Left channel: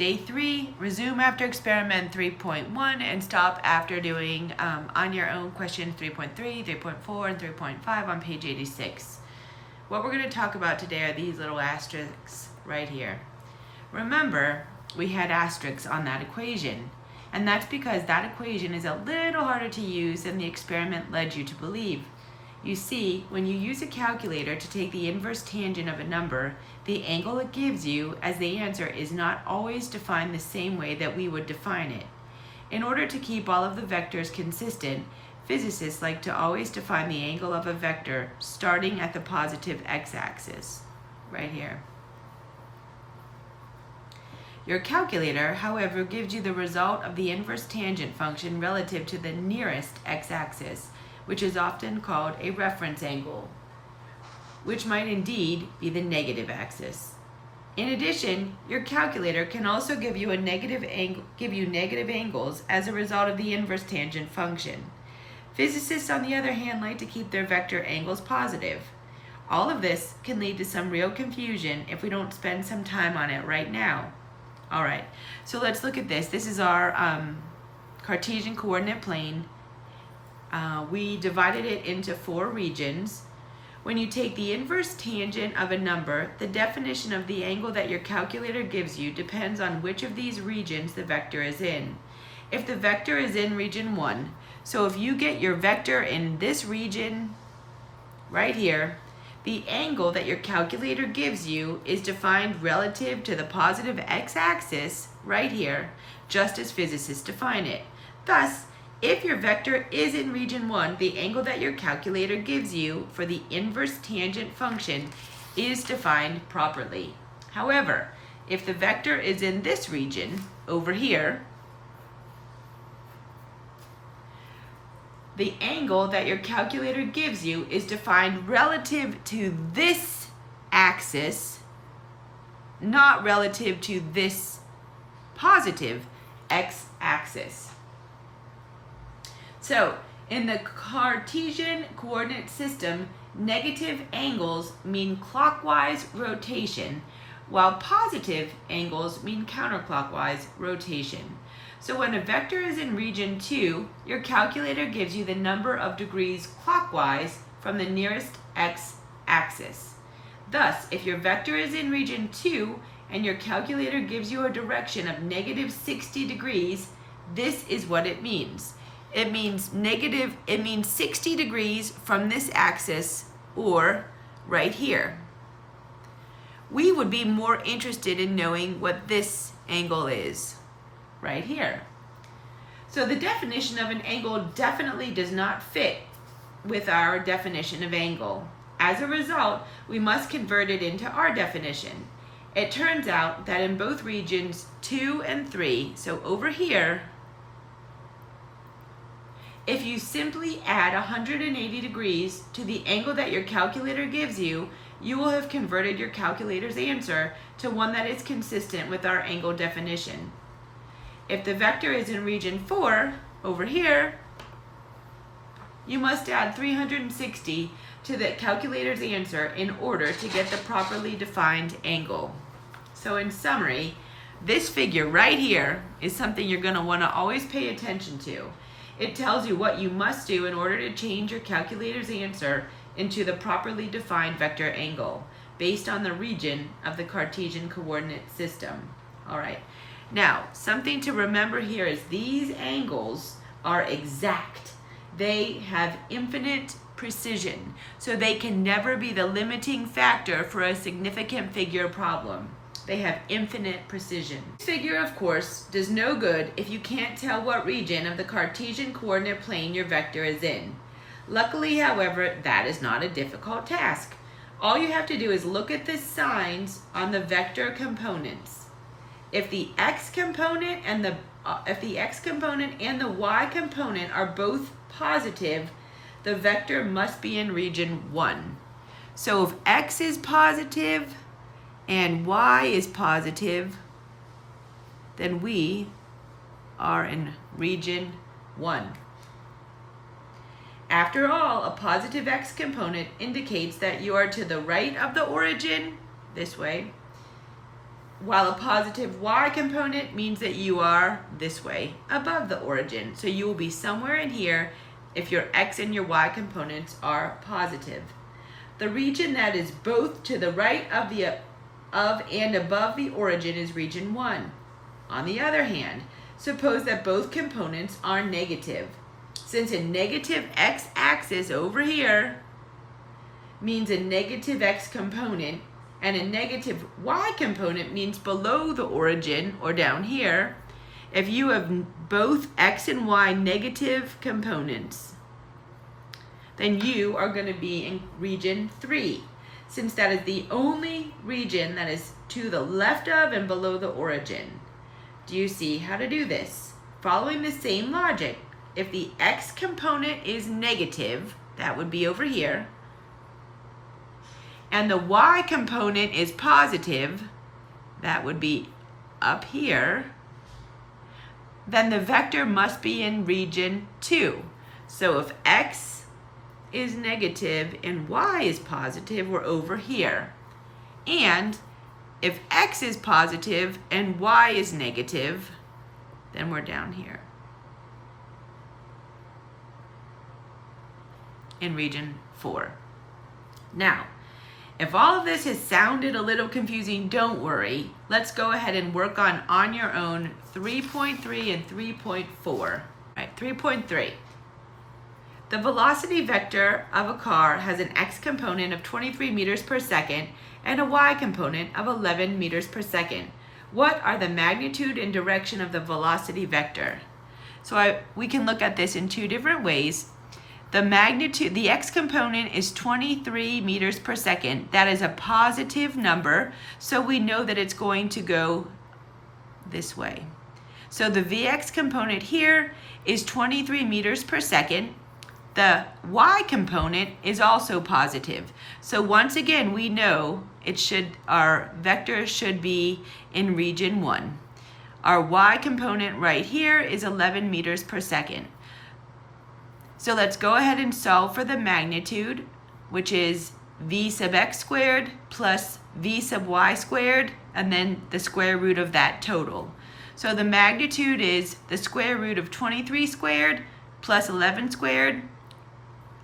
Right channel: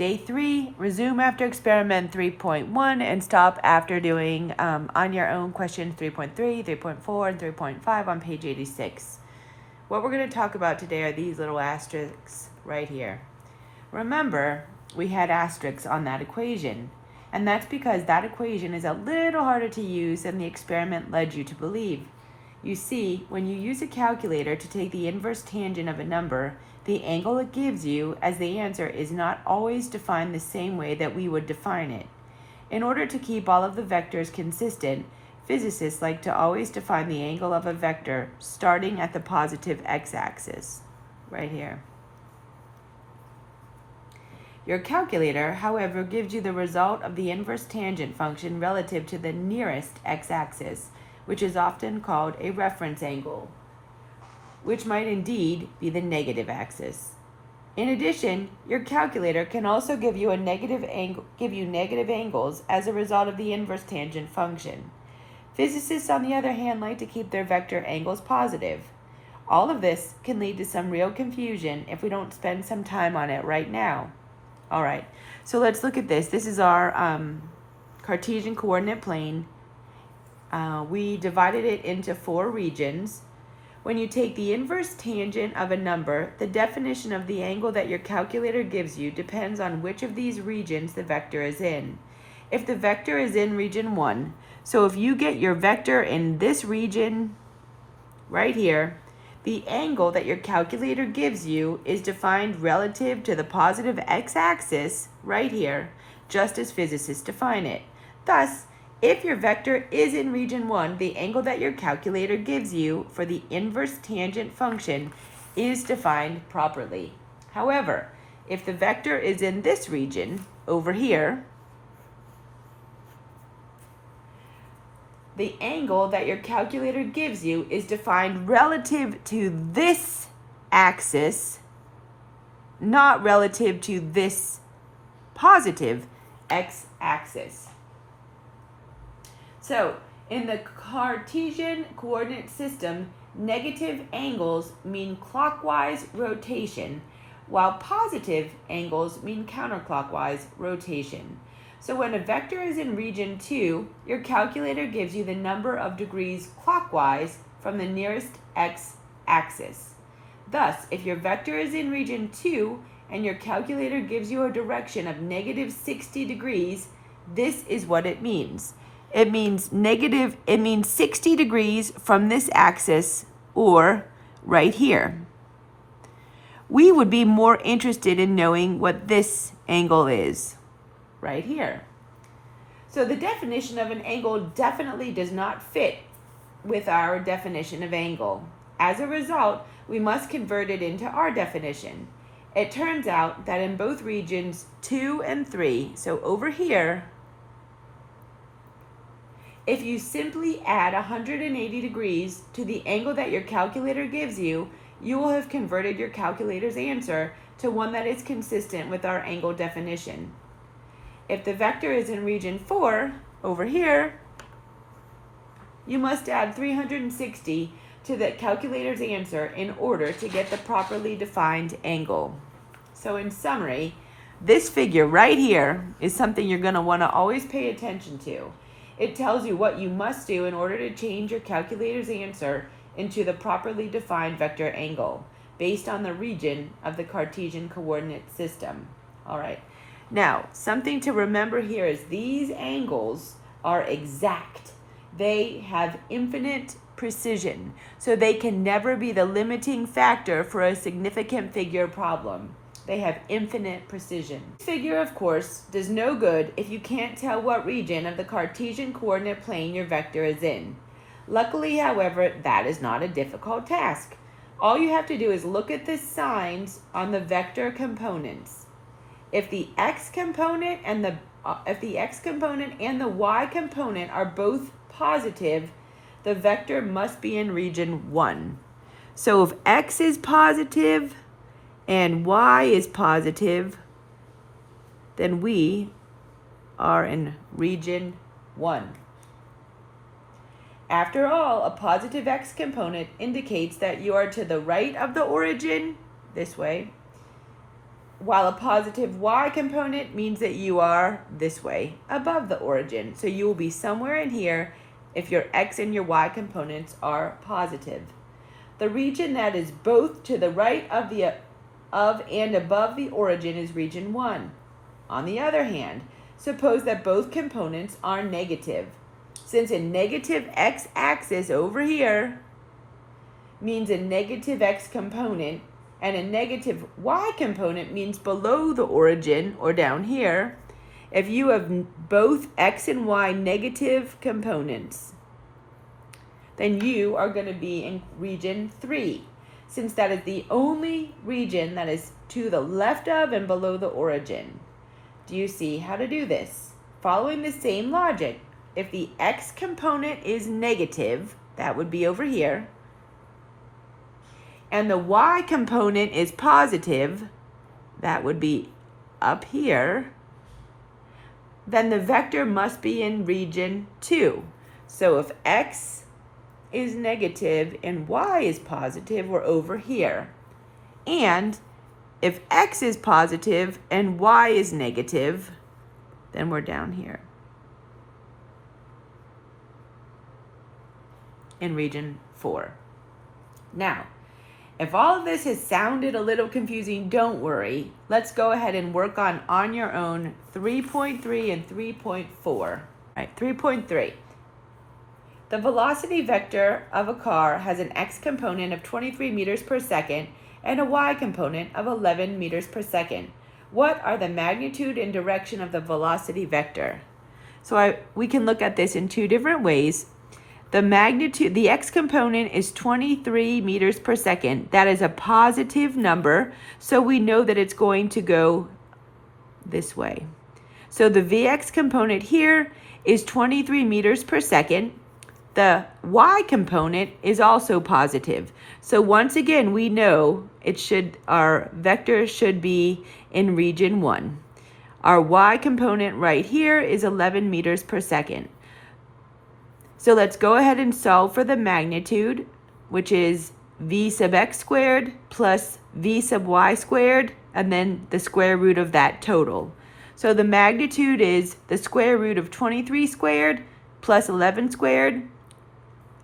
Day 3, resume after experiment 3.1 and stop after doing on your own question 3.3, 3.4, and 3.5 on page 86. What we're going to talk about today are these little asterisks right here. Remember, we had asterisks on that equation, and that's because that equation is a little harder to use than the experiment led you to believe. You see, when you use a calculator to take the inverse tangent of a number, the angle it gives you as the answer is not always defined the same way that we would define it. In order to keep all of the vectors consistent, physicists like to always define the angle of a vector starting at the positive x-axis, right here. Your calculator, however, gives you the result of the inverse tangent function relative to the nearest x-axis, which is often called a reference angle, which might indeed be the negative axis. In addition, your calculator can also give you negative angles as a result of the inverse tangent function. Physicists, on the other hand, like to keep their vector angles positive. All of this can lead to some real confusion if we don't spend some time on it right now. All right, so let's look at this. This is our Cartesian coordinate plane. We divided it into 4 regions. When you take the inverse tangent of a number, the definition of the angle that your calculator gives you depends on which of these regions the vector is in. If the vector is in region 1, so if you get your vector in this region right here, the angle that your calculator gives you is defined relative to the positive x-axis right here, just as physicists define it. Thus, if your vector is in region 1, the angle that your calculator gives you for the inverse tangent function is defined properly. However, if the vector is in this region over here, the angle that your calculator gives you is defined relative to this axis, not relative to this positive x-axis. So, in the Cartesian coordinate system, negative angles mean clockwise rotation, while positive angles mean counterclockwise rotation. So when a vector is in region 2, your calculator gives you the number of degrees clockwise from the nearest x-axis. Thus, if your vector is in region 2 and your calculator gives you a direction of negative 60 degrees, this is what it means. It means 60 degrees from this axis, or right here. We would be more interested in knowing what this angle is, right here. So the definition of an angle definitely does not fit with our definition of angle. As a result, we must convert it into our definition. It turns out that in both regions 2 and 3, so over here, if you simply add 180 degrees to the angle that your calculator gives you, you will have converted your calculator's answer to one that is consistent with our angle definition. If the vector is in region 4, over here, you must add 360 to the calculator's answer in order to get the properly defined angle. So in summary, this figure right here is something you're going to want to always pay attention to. It tells you what you must do in order to change your calculator's answer into the properly defined vector angle based on the region of the Cartesian coordinate system. All right. Now, something to remember here is these angles are exact. They have infinite precision, so they can never be the limiting factor for a significant figure problem. They have infinite precision. This figure, of course, does no good if you can't tell what region of the Cartesian coordinate plane your vector is in. Luckily, however, that is not a difficult task. All you have to do is look at the signs on the vector components. If the x component and the y component are both positive, the vector must be in region 1. So if x is positive and y is positive, then we are in region 1. After all, a positive x component indicates that you are to the right of the origin, this way, while a positive y component means that you are this way, above the origin. So you will be somewhere in here if your x and your y components are positive. The region that is both to the right of and above the origin is region 1. On the other hand, suppose that both components are negative. Since a negative x-axis over here means a negative x component, and a negative y component means below the origin or down here, if you have both x and y negative components, then you are going to be in region 3, since that is the only region that is to the left of and below the origin. Do you see how to do this? Following the same logic, if the x component is negative, that would be over here, and the y component is positive, that would be up here, then the vector must be in region 2. So if x is negative and y is positive, we're over here. And if x is positive and y is negative, then we're down here in region 4. Now, if all of this has sounded a little confusing, don't worry. Let's go ahead and work on your own 3.3 and 3.4. All right, 3.3. The velocity vector of a car has an x component of 23 meters per second and a y component of 11 meters per second. What are the magnitude and direction of the velocity vector? So we can look at this in two different ways. The magnitude, the x component is 23 meters per second. That is a positive number, so we know that it's going to go this way. So the vx component here is 23 meters per second. The y component is also positive. So once again, we know our vector should be in region 1. Our y component right here is 11 meters per second. So let's go ahead and solve for the magnitude, which is v sub x squared plus v sub y squared, and then the square root of that total. So the magnitude is the square root of 23 squared plus 11 squared.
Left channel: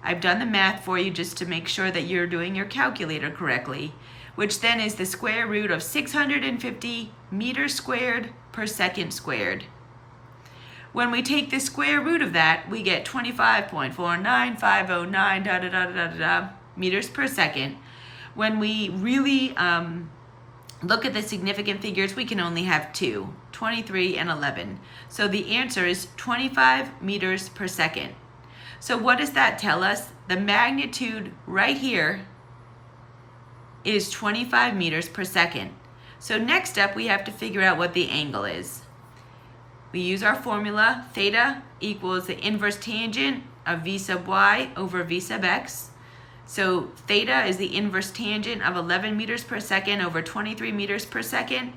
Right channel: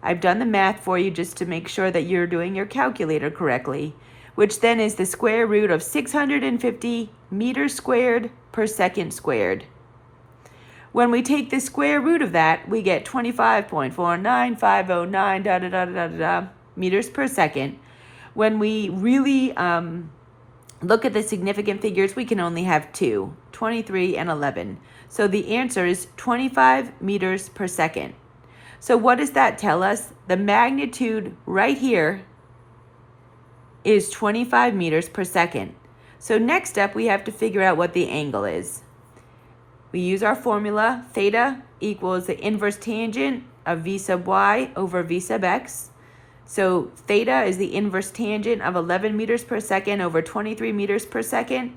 I've done the math for you just to make sure that you're doing your calculator correctly, which then is the square root of 650 meters squared per second squared. When we take the square root of that, we get 25.49509 meters per second. When we really look at the significant figures, we can only have two, 23 and 11. So the answer is 25 meters per second. So what does that tell us? The magnitude right here is 25 meters per second. So next up, we have to figure out what the angle is. We use our formula, theta equals the inverse tangent of v sub y over v sub x. So theta is the inverse tangent of 11 meters per second over 23 meters per second.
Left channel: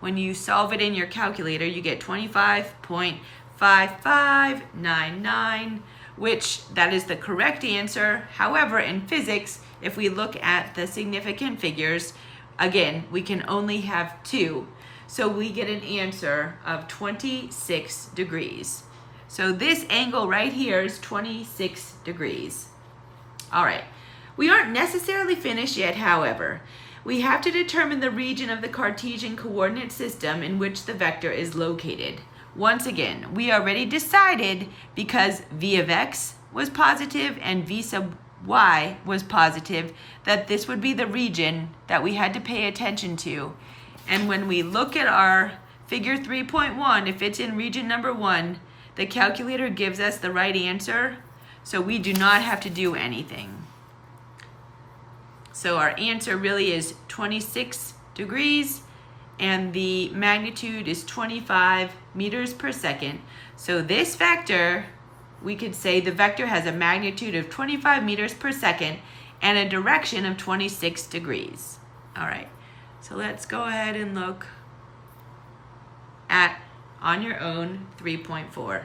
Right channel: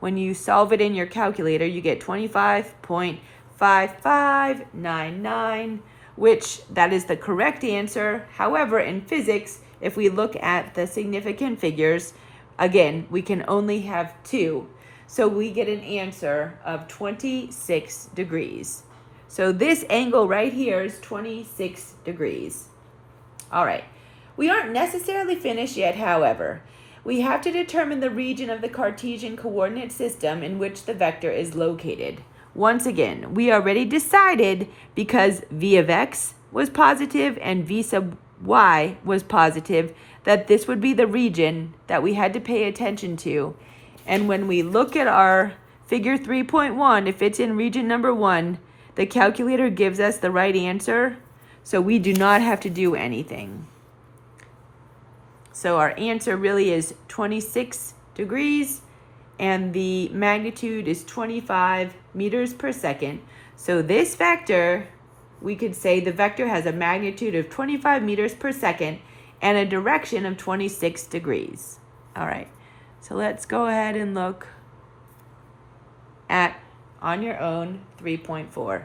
When you solve it in your calculator, you get 25.5599, which that is the correct answer. However, in physics, if we look at the significant figures, again, we can only have two. So we get an answer of 26 degrees. So this angle right here is 26 degrees. All right, we aren't necessarily finished yet, however. We have to determine the region of the Cartesian coordinate system in which the vector is located. Once again, we already decided, because v of x was positive and v sub y was positive, that this would be the region that we had to pay attention to. And when we look at our figure 3.1, if it's in region number 1, the calculator gives us the right answer, so we do not have to do anything. So our answer really is 26 degrees, and the magnitude is 25 meters per second. So this vector, we could say the vector has a magnitude of 25 meters per second and a direction of 26 degrees. All right. So let's go ahead and look at, on your own, 3.4.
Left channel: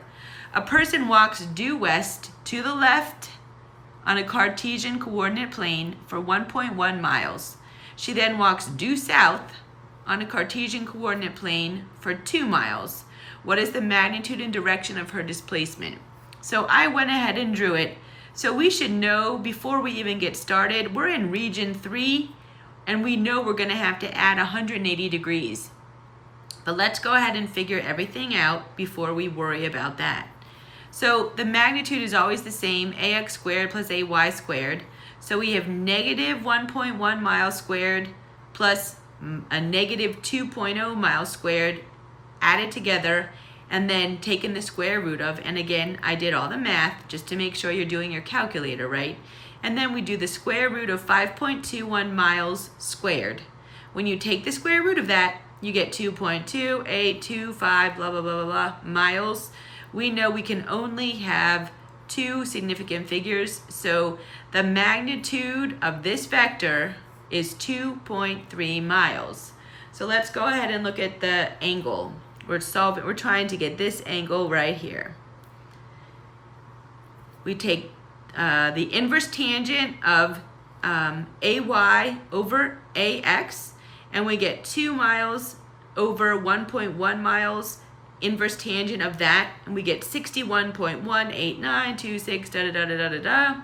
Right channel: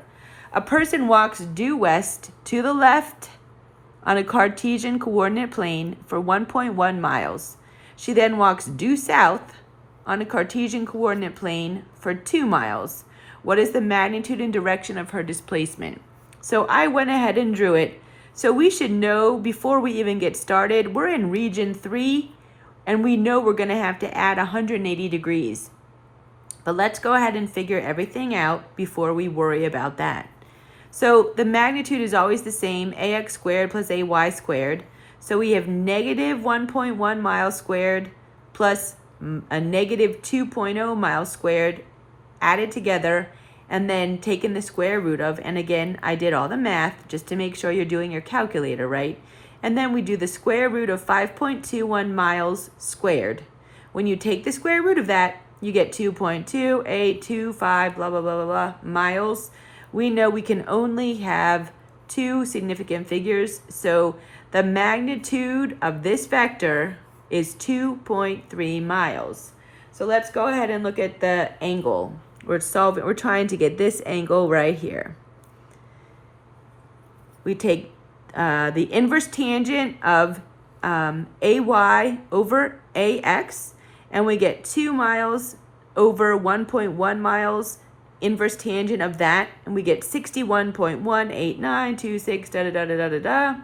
A person walks due west to the left on a Cartesian coordinate plane for 1.1 miles. She then walks due south on a Cartesian coordinate plane for 2 miles. What is the magnitude and direction of her displacement? So I went ahead and drew it. So we should know before we even get started, we're in region 3, and we know we're going to have to add 180 degrees. But let's go ahead and figure everything out before we worry about that. So the magnitude is always the same, ax squared plus ay squared. So we have negative 1.1 miles squared plus a negative 2.0 miles squared added together and then taken the square root of, and again, I did all the math just to make sure you're doing your calculator right. And then we do the square root of 5.21 miles squared. When you take the square root of that, you get 2.2825 blah, blah, blah, blah, blah miles. We know we can only have 2 significant figures, so the magnitude of this vector is 2.3 miles. So let's go ahead and look at the angle. We're trying to get this angle right here. We take the inverse tangent of AY over AX, and we get 2 miles over 1.1 miles, inverse tangent of that, and we get 61.18926 da da da da da da.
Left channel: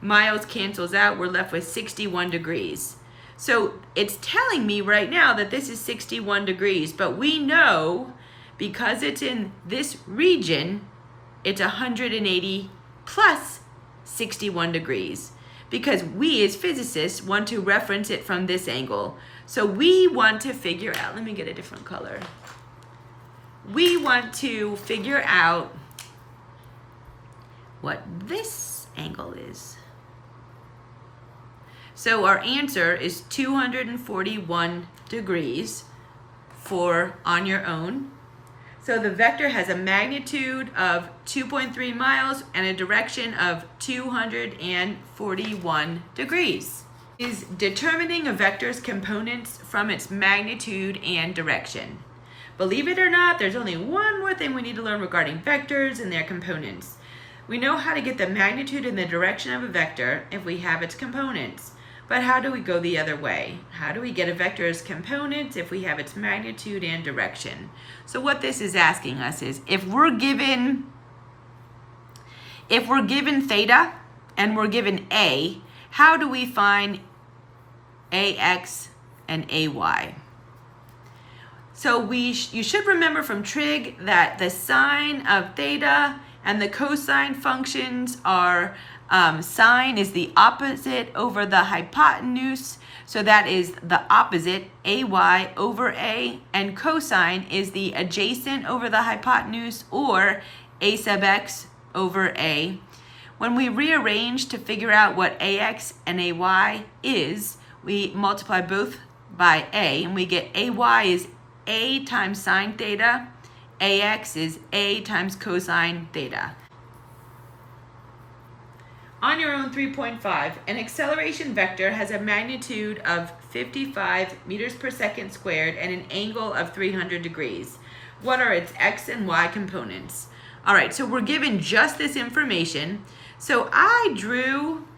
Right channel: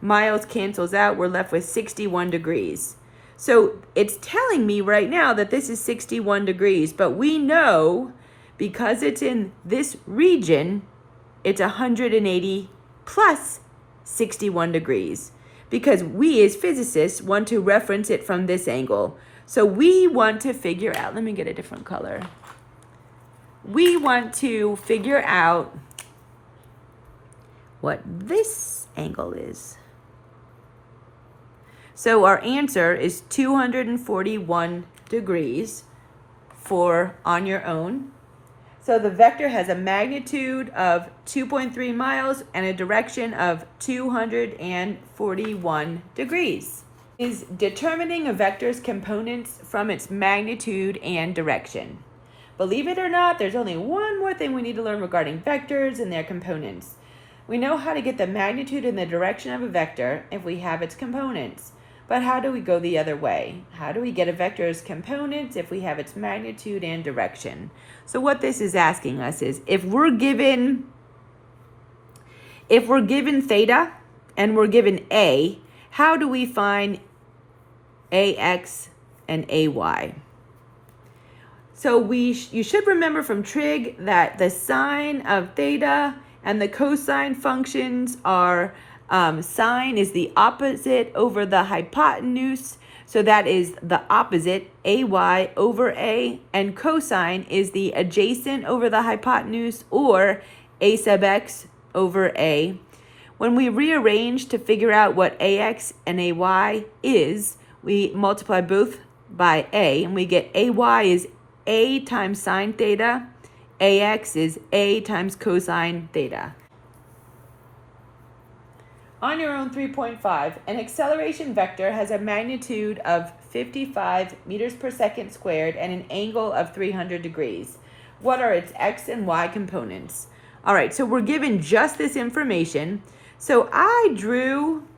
Miles cancels out, we're left with 61 degrees. So it's telling me right now that this is 61 degrees, but we know because it's in this region, it's 180 plus 61 degrees, because we as physicists want to reference it from this angle. So we want to figure out, let me get a different color. We want to figure out what this angle is. So our answer is 241 degrees for on your own. So the vector has a magnitude of 2.3 miles and a direction of 241 degrees. Is determining a vector's components from its magnitude and direction. Believe it or not, there's only one more thing we need to learn regarding vectors and their components. We know how to get the magnitude and the direction of a vector if we have its components. But how do we go the other way? How do we get a vector's components if we have its magnitude and direction? So what this is asking us is, if we're given theta and we're given A, how do we find AX and AY? So you should remember from trig that the sine of theta and the cosine functions are sine is the opposite over the hypotenuse, so that is the opposite, AY over A, and cosine is the adjacent over the hypotenuse, or A sub x over A. When we rearrange to figure out what AX and AY is, we multiply both by A, and we get AY is A times sine theta, AX is A times cosine theta. On your own 3.5, an acceleration vector has a magnitude of 55 meters per second squared and an angle of 300 degrees. What are its x and y components? All right, so we're given just this information. So I drew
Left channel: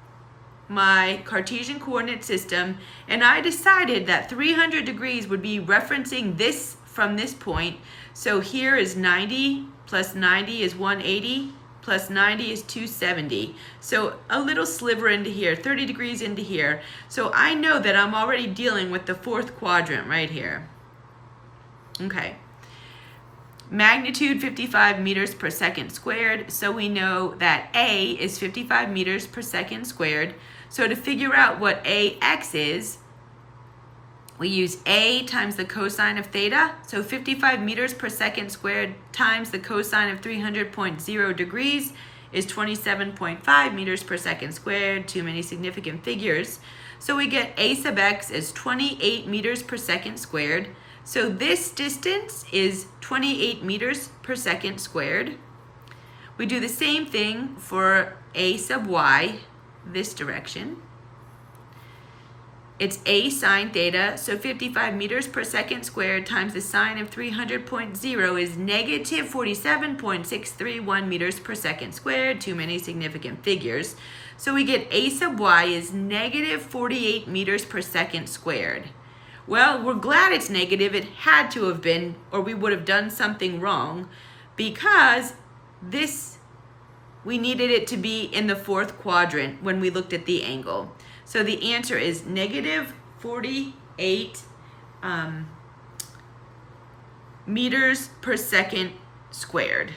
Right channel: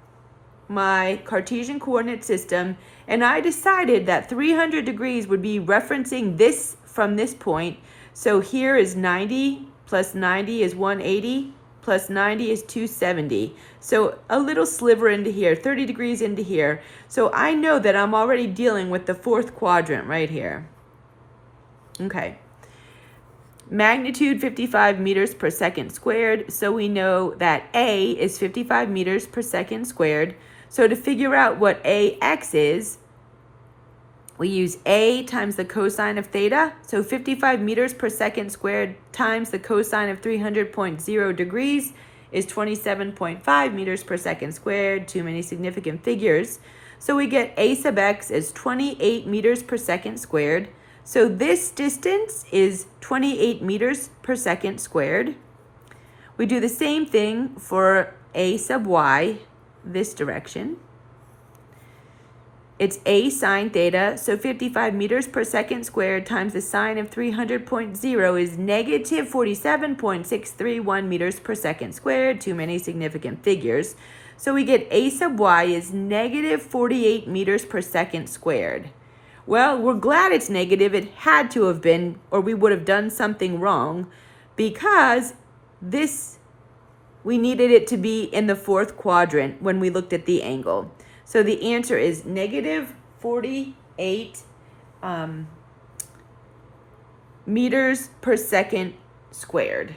my Cartesian coordinate system, and I decided that 300 degrees would be referencing this from this point. So here is 90 plus 90 is 180. Plus 90 is 270. So a little sliver into here, 30 degrees into here. So I know that I'm already dealing with the fourth quadrant right here. Okay. Magnitude 55 meters per second squared. So we know that A is 55 meters per second squared. So to figure out what AX is, we use A times the cosine of theta, so 55 meters per second squared times the cosine of 300.0 degrees is 27.5 meters per second squared, too many significant figures. So we get A sub x is 28 meters per second squared. So this distance is 28 meters per second squared. We do the same thing for A sub y, this direction. It's A sine theta, so 55 meters per second squared times the sine of 300.0 is negative 47.631 meters per second squared, too many significant figures. So we get A sub y is negative 48 meters per second squared. Well, we're glad it's negative. It had to have been, or we would have done something wrong, because we needed it to be in the fourth quadrant when we looked at the angle. So the answer is negative 48 meters per second squared.